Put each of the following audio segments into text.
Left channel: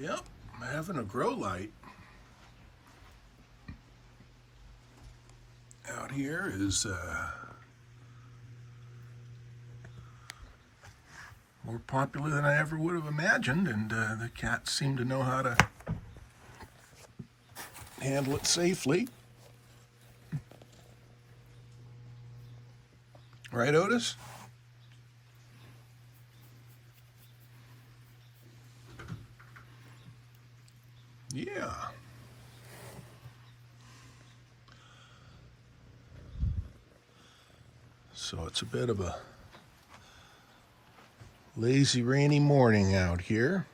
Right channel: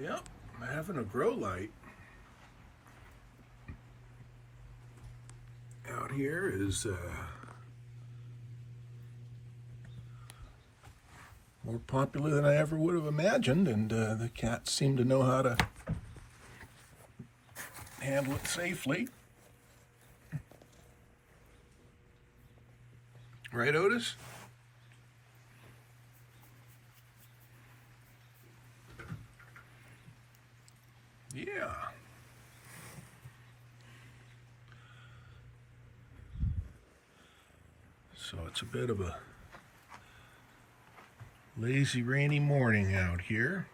Yep, having a grow light out here is more popular than I ever would have imagined, and the cats seem to know how to handle it safely. Right, Otis? Yeah. So it's a bit of a lazy, rainy morning out here.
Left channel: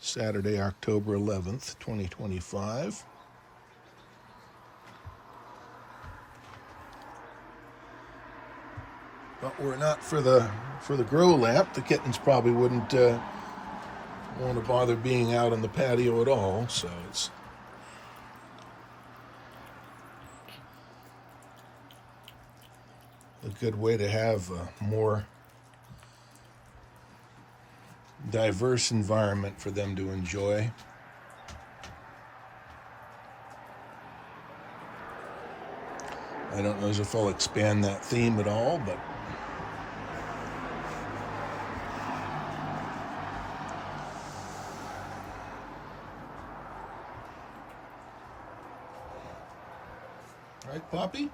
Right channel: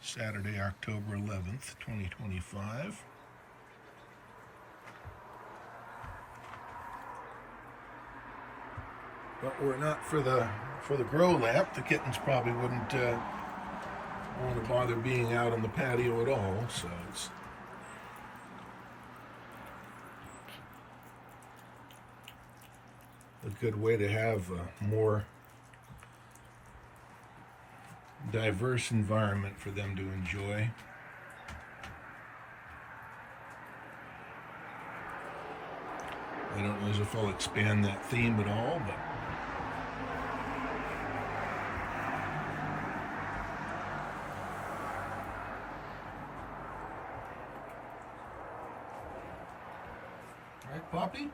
Saturday, October 11th, 2025. But we're not for the grow lamp. The kittens probably wouldn't want to bother being out on the patio at all, so it's a good way to have a more diverse environment for them to enjoy. I don't know if I'll expand that theme at all, but right, Poppy?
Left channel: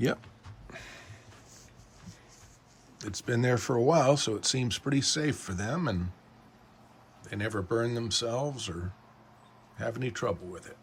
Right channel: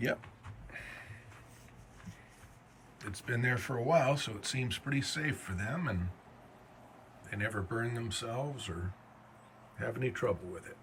Yep. It's been there for a while, so it seems pretty safe for them, and they never burn themselves or have any trouble with it.